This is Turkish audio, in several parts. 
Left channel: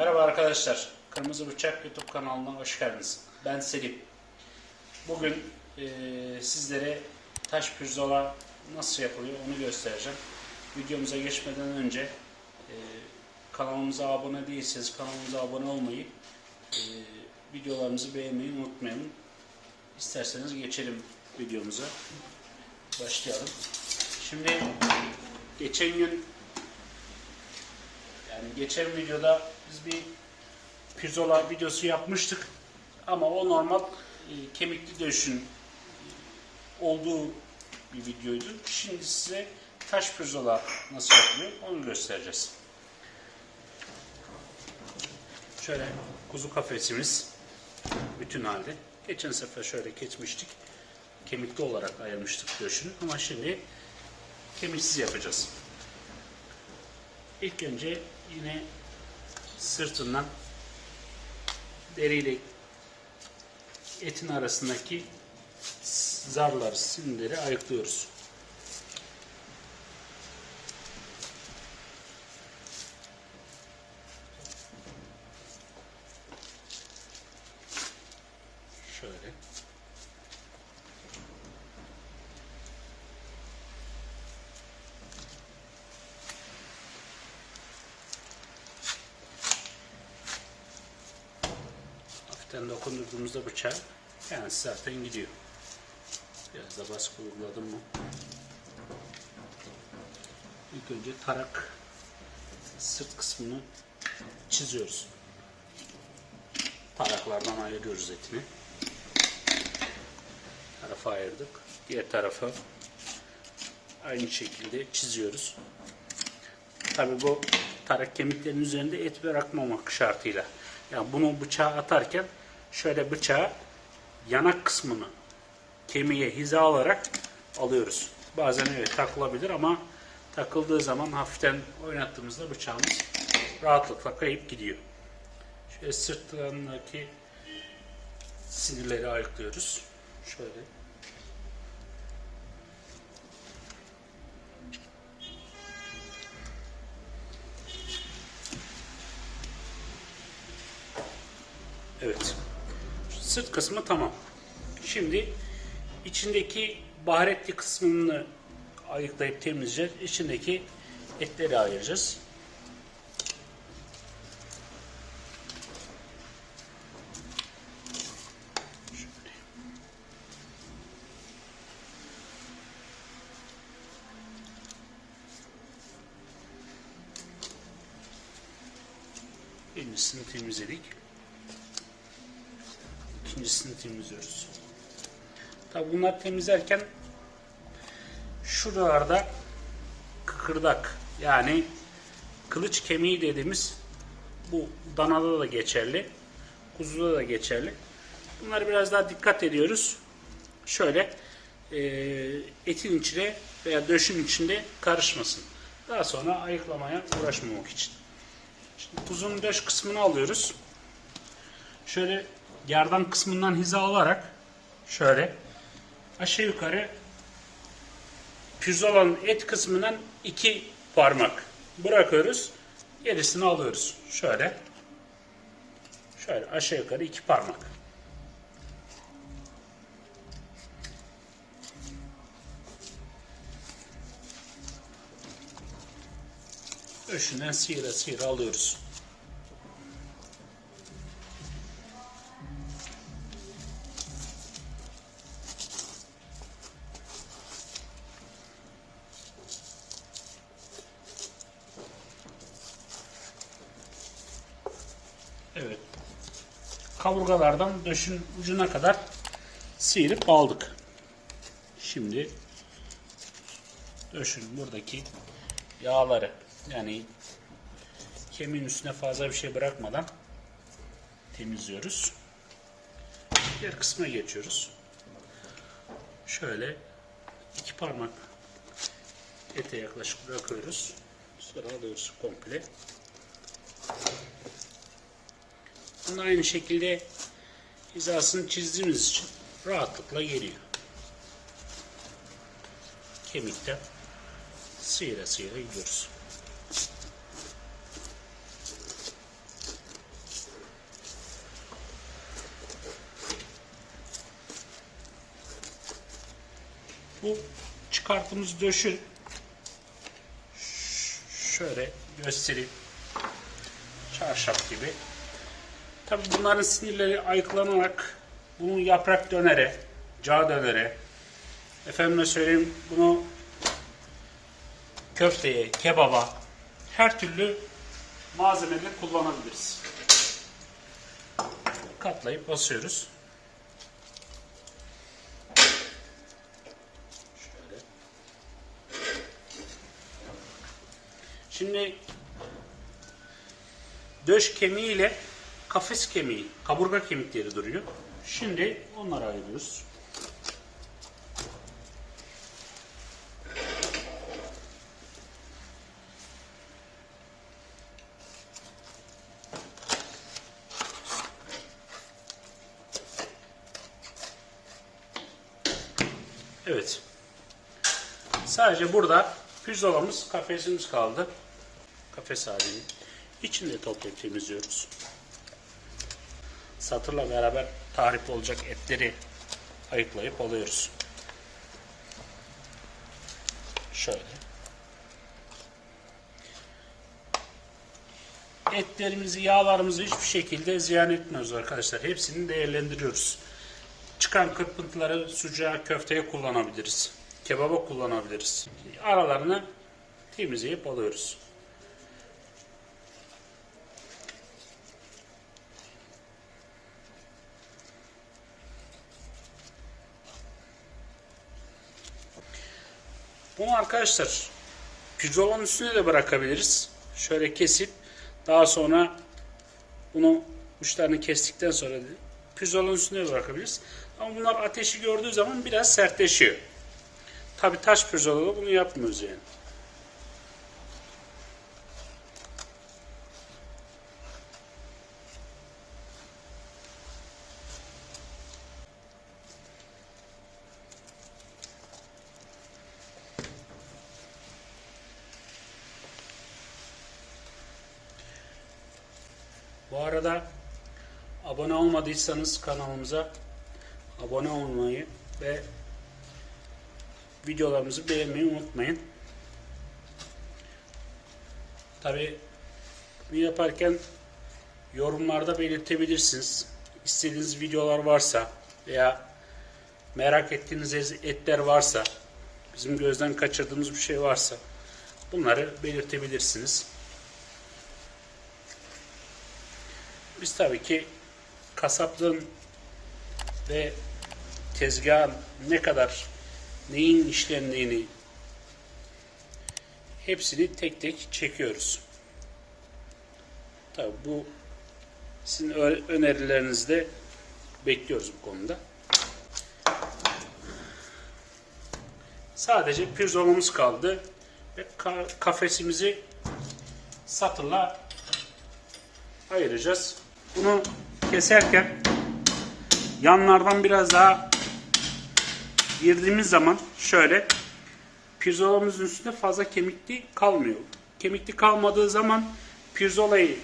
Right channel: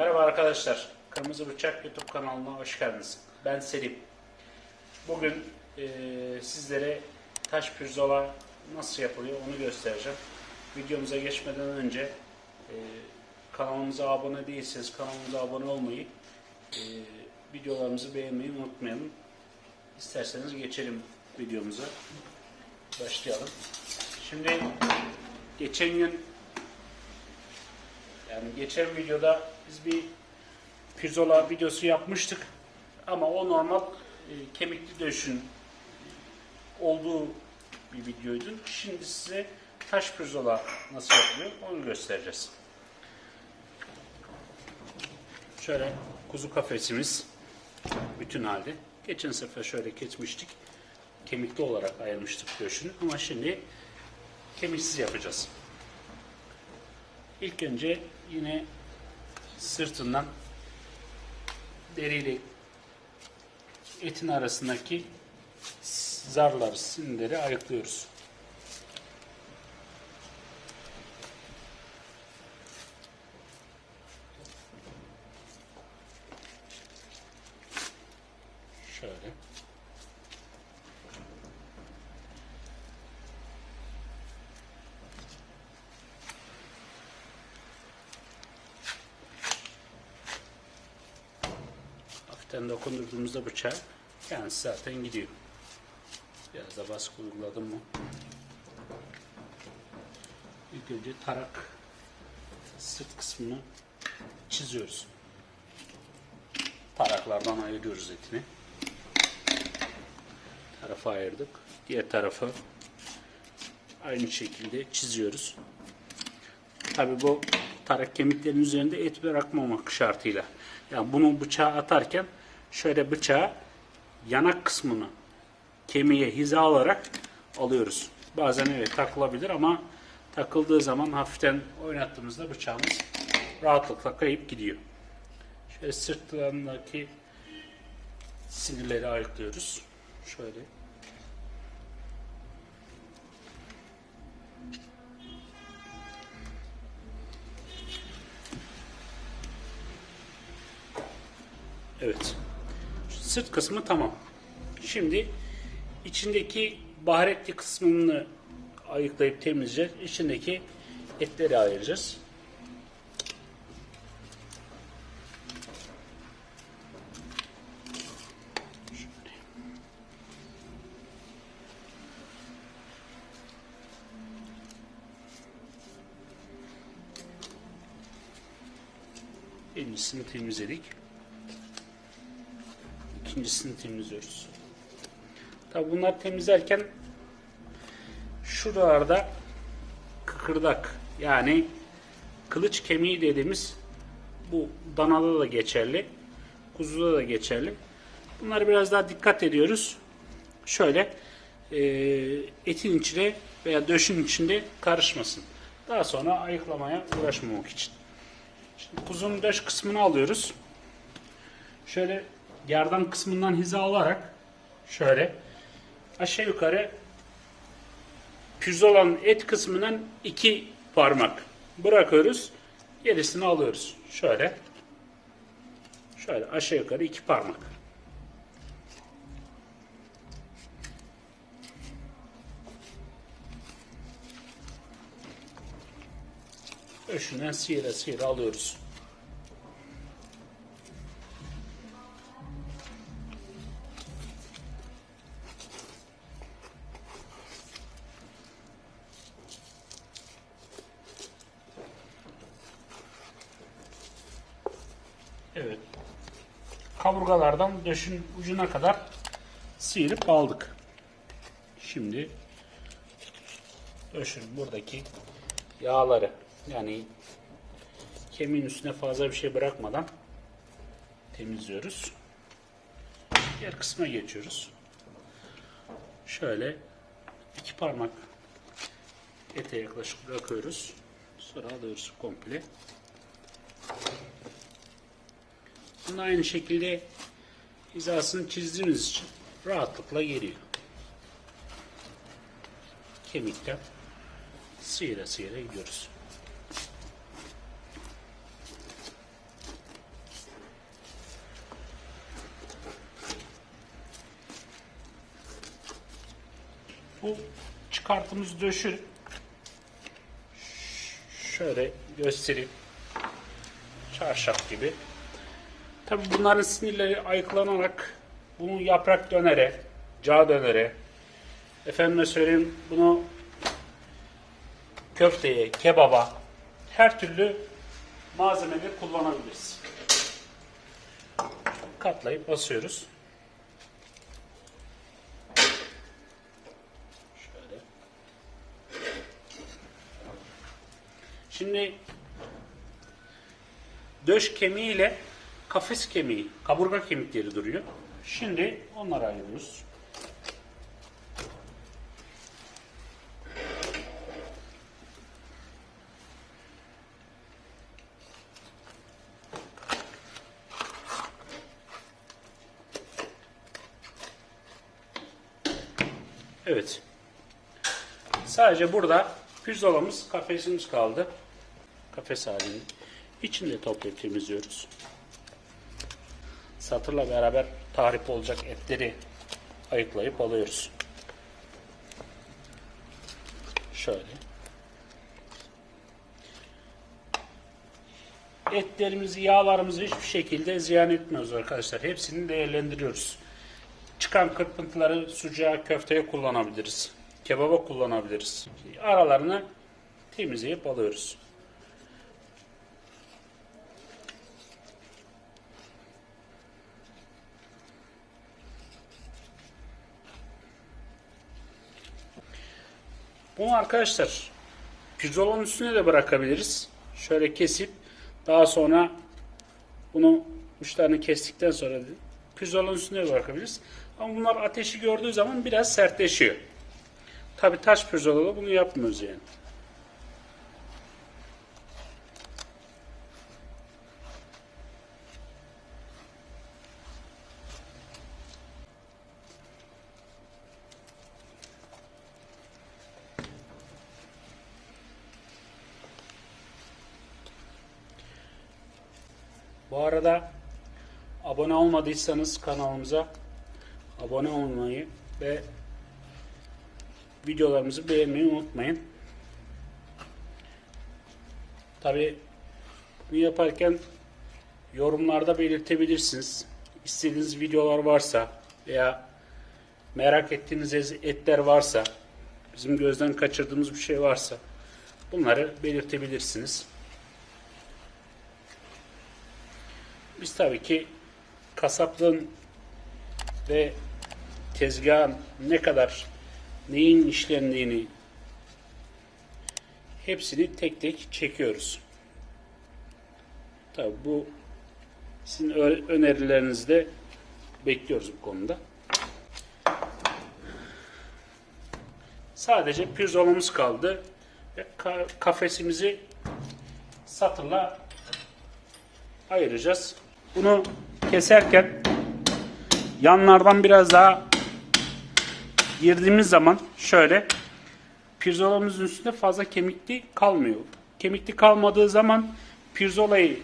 Merhaba arkadaşlar. Kırmızı Bıçak YouTube kanalına hoş geldiniz. Ben Selim. Bugün e, sizlere taş pirzola nasıl yapılıyor onu göstereceğim. Videomuza geçmeden önce e, kanalımıza abone değilseniz kanalımıza abone olmayı, e, videolarımızı beğenmeyi unutmayalım. İsterseniz geçelim videomuza. Başlayalım. Şimdi geçen gün yani geçen videoda biz bir pirzola videosu yapmıştık. Ama o normal e, kemikli döşün olduğu bir videoydu. Şimdi size taş pirzola nasıl yapılıyor onu göstereceğiz. Şöyle kuzu kafesimiz bütün halde. Geçen sefer şöyle geçmiştik. Kemikli olarak ayırmıştık döşünü ama şimdi kemiksiz yapacağız. İlk önce yine sırtından deriyle etin arasındaki zarlar, sinirleri ayıklıyoruz. Şöyle. Hafiften dokundurduğumuzda bıçağı kendisi zaten gidiyor. Biraz da baskı uyguladım mı? İlk önce tarak sırt kısmını çiziyoruz. Taraklardan ayırıyoruz etini. Tarafa ayırdık. Diğer tarafa aynı şekilde çiziyoruz. Tabi bu tarak kemiklerinin üzerinde et bırakmamak şartıyla. Yani bunu bıçağa atarken şöyle bıçağı yanak kısmını kemiğe hiza alarak alıyoruz. Bazen evet takılabilir ama takıldığı zaman hafiften oynattığımızda bıçağımız rahatlıkla kayıp gidiyor. Şöyle sırtlarındaki sinirleri ayıklıyoruz. Şöyle. Evet. Sırt kısmı tamam. Şimdi içindeki baharetli kısmını ayıklayıp temizleyeceğiz. İçindeki etleri ayıracağız. Birincisini temizledik. İkincisini temizliyoruz. Tabi bunları temizlerken şuralarda kıkırdak yani kılıç kemiği dediğimiz bu danada da geçerli. Kuzuda da geçerli. Bunları biraz daha dikkat ediyoruz. Şöyle e, etin içine veya döşün içinde karışmasın. Daha sonra ayıklamaya uğraşmamak için. Şimdi kuzunun döş kısmını alıyoruz. Şöyle yardan kısmından hiza alarak şöyle aşağı yukarı pirzolanın et kısmından iki parmak bırakıyoruz. Gerisini alıyoruz. Şöyle. Şöyle aşağı yukarı iki parmak. Öşünden sıyıra sıyıra alıyoruz. Kaburgalardan döşün ucuna kadar sıyırıp aldık. Şimdi döşün buradaki yağları yani kemiğin üstüne fazla bir şey bırakmadan temizliyoruz. Diğer kısma geçiyoruz. Şöyle iki parmak ete yaklaşık bırakıyoruz. Sonra doğrusu komple. aslında aynı şekilde hizasını çizdiğimiz için rahatlıkla geliyor. Kemikte sıyıra sıyıra gidiyoruz. Bu çıkarttığımız döşü şöyle göstereyim. Çarşaf gibi Tabi bunların sinirleri ayıklanarak bunu yaprak dönere, cağ dönere, efendime söyleyeyim bunu köfteye, kebaba, her türlü malzemede kullanabiliriz. Katlayıp basıyoruz. Şöyle. Şimdi döş kemiği ile kafes kemiği, kaburga kemikleri duruyor. Şimdi onları ayırıyoruz. Evet. Sadece burada pirzolamız, kafesimiz kaldı. Kafes halini. İçinde toplayıp temizliyoruz. Satırla beraber tahrip olacak etleri ayıklayıp alıyoruz. Şöyle. Etlerimizi, yağlarımızı hiçbir şekilde ziyan etmiyoruz arkadaşlar. Hepsini değerlendiriyoruz. Çıkan kırpıntıları sucuğa, köfteye kullanabiliriz. Kebaba kullanabiliriz. Aralarını temizleyip alıyoruz. Bunu arkadaşlar pirzolanın üstüne de bırakabiliriz. Şöyle kesip daha sonra bunu uçlarını kestikten sonra da pirzolanın üstüne de bırakabiliriz. Ama bunlar ateşi gördüğü zaman biraz sertleşiyor. Tabi taş pirzolada bunu yapmıyoruz yani. Bu arada abone olmadıysanız kanalımıza abone olmayı ve videolarımızı beğenmeyi unutmayın. Tabi bunu yaparken yorumlarda belirtebilirsiniz. İstediğiniz videolar varsa veya merak ettiğiniz etler varsa, bizim gözden kaçırdığımız bir şey varsa bunları belirtebilirsiniz. Biz tabii ki kasaplığın ve tezgahın ne kadar neyin işlendiğini hepsini tek tek çekiyoruz. Tabii bu sizin ö- önerilerinizde bekliyoruz bu konuda. Sadece pirzolamız kaldı ve ka- kafesimizi satırla ayıracağız. Bunu keserken yanlardan biraz daha girdiğimiz zaman şöyle pirzolamızın üstünde fazla kemikli kalmıyor. Kemikli kalmadığı zaman pirzolayı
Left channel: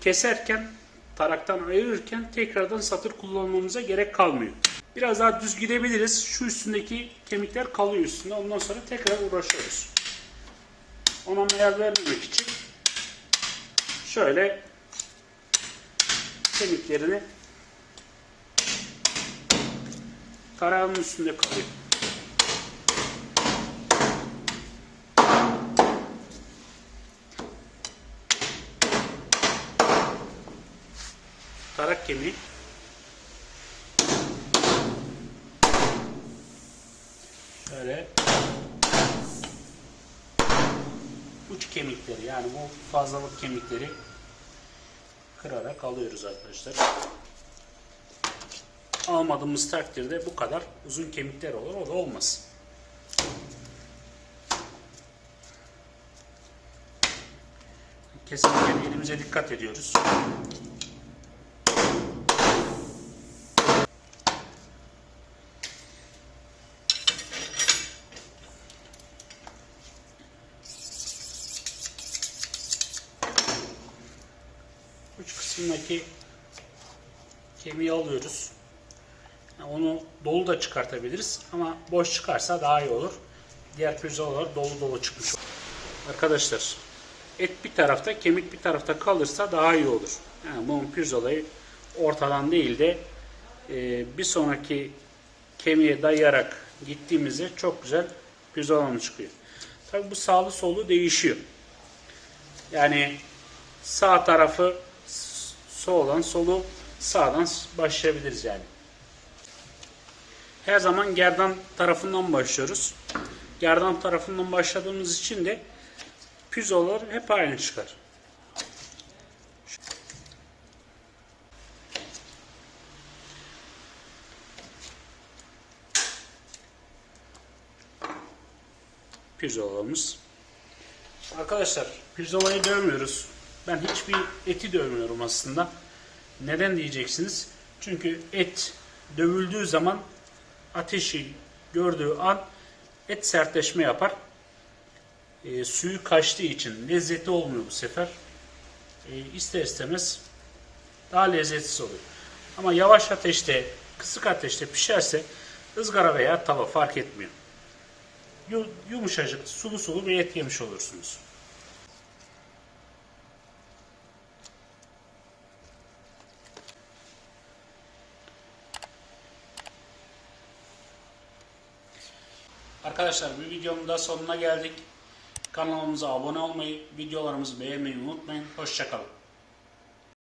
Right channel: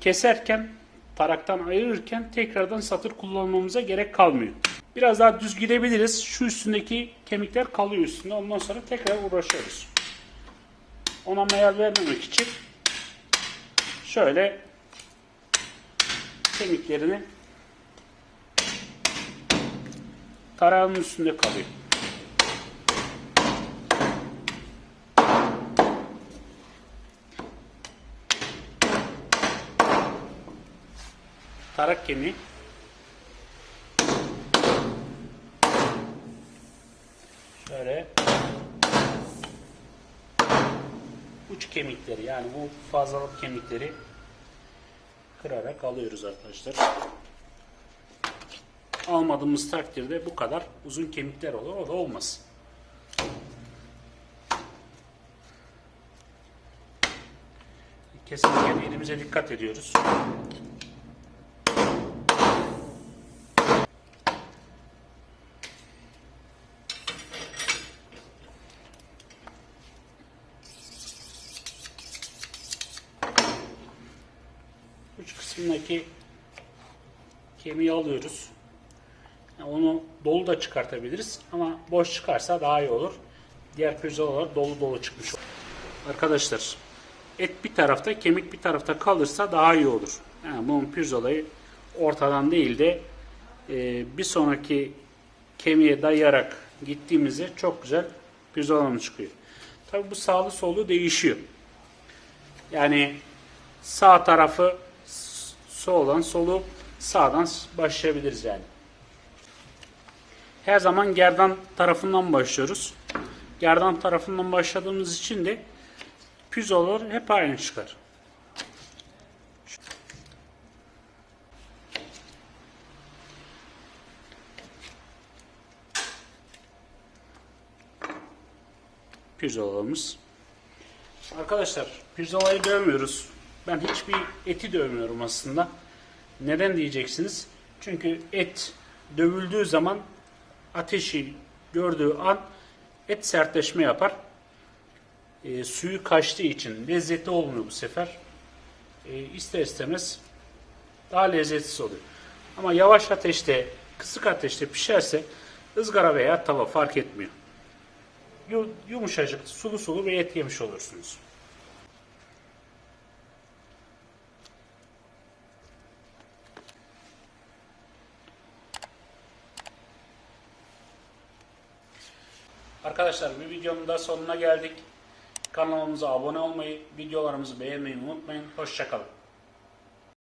keserken taraktan ayırırken tekrardan satır kullanmamıza gerek kalmıyor. Biraz daha düz gidebiliriz. Şu üstündeki kemikler kalıyor üstünde. Ondan sonra tekrar uğraşıyoruz. Ona mayal vermemek için şöyle kemiklerini tarağın üstünde kalıyor. Tarak kemiği. Şöyle uç kemikleri yani bu fazlalık kemikleri kırarak alıyoruz arkadaşlar. Almadığımız takdirde bu kadar uzun kemikler olur. O da olmaz. Kesinlikle elimize dikkat ediyoruz. uç kısmındaki kemiği alıyoruz. Onu dolu da çıkartabiliriz ama boş çıkarsa daha iyi olur. Diğer pirzolalar dolu dolu çıkmış olur. Arkadaşlar et bir tarafta kemik bir tarafta kalırsa daha iyi olur. Yani bu pirzolayı ortadan değil de e, bir sonraki kemiğe dayayarak gittiğimizde çok güzel pirzolamız çıkıyor. Tabi bu sağlı solu değişiyor. Yani sağ tarafı soldan solu sağdan başlayabiliriz yani. Her zaman gerdan tarafından başlıyoruz. Gerdan tarafından başladığımız için de pirzolalar hep aynı çıkar. Pirzolalarımız. Arkadaşlar pirzolayı dövmüyoruz. Ben hiçbir eti dövmüyorum aslında. Neden diyeceksiniz? Çünkü et dövüldüğü zaman ateşi gördüğü an et sertleşme yapar. E, suyu kaçtığı için lezzetli olmuyor bu sefer. E, ister istemez daha lezzetsiz oluyor. Ama yavaş ateşte, kısık ateşte pişerse ızgara veya tava fark etmiyor. Yu- Yumuşacık, sulu sulu bir et yemiş olursunuz. Arkadaşlar bir videonun da sonuna geldik. Kanalımıza abone olmayı, videolarımızı beğenmeyi unutmayın. Hoşçakalın.